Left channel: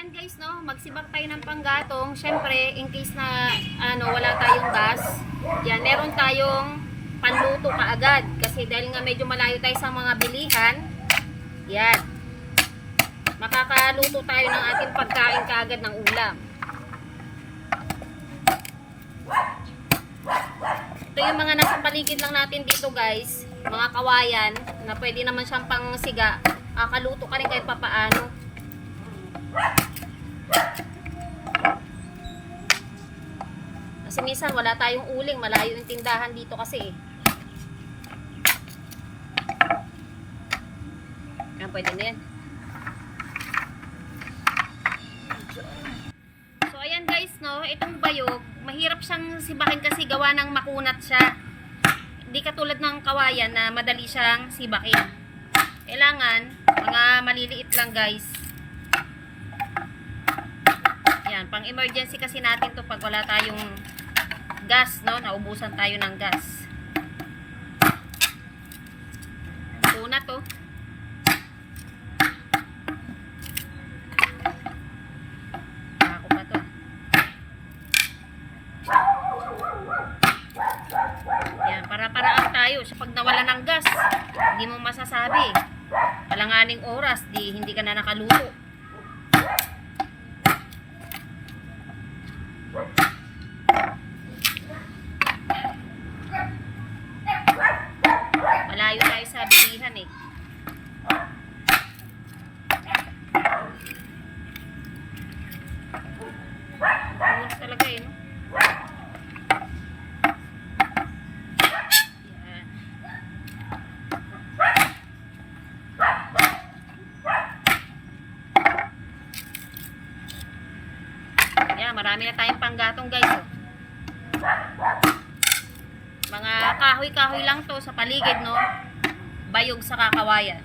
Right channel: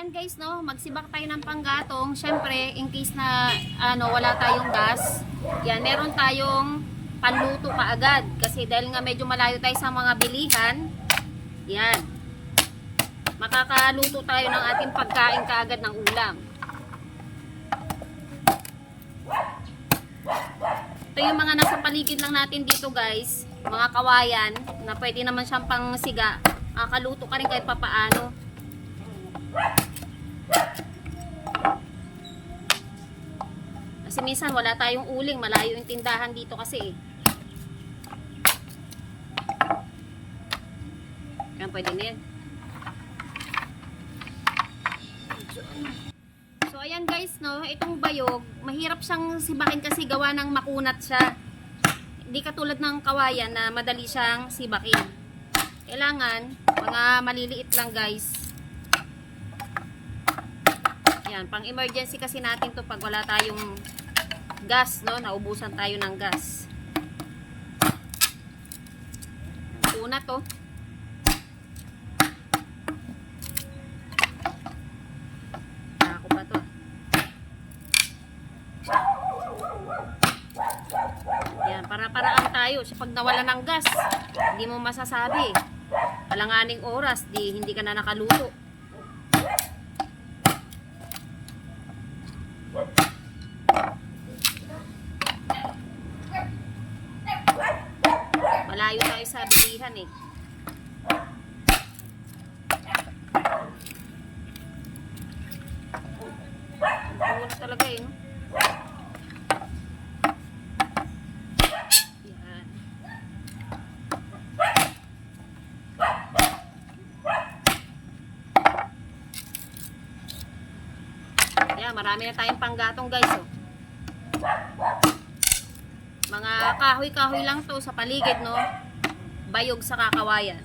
ayan guys, no, magsibak tayo ng panggatong. Syempre, in case na wala tayong gas, yan, meron tayong panluto kaagad. Kasi dahil nga medyo malayo tayo sa mga bilihan, yan, makakaluto tayo ng ating pagkain kaagad ng ulam. Ito yung mga nasa paligid lang natin dito guys, mga kawayan, na pwede naman siyang pangsiga. Kaluto ka rin kahit papaano. Kasi minsan wala tayong uling, malayo yung tindahan dito kasi. Yan, pwede na yan. So ayan guys, no, itong bayog, mahirap siyang sibakin kasi gawa ng makunat siya. Hindi katulad ng kawayan na madali siyang sibakin. Kailangan mga maliliit lang guys. Yan, pang emergency kasi natin to pag wala tayong gas, no? Naubusan tayo ng gas. Ito na to. Ako pa to. Yan, para-paraan tayo sa pag nawala ng gas. Hindi mo masasabi. Alanganing oras, hindi ka na nakaluto. Malayo tayo sa bilihan eh. Ang talaga eh, no? Yan, marami na tayong panggatong guys, oh. Mga kahoy-kahoy lang to sa paligid, no? Bayog sa kakawayan.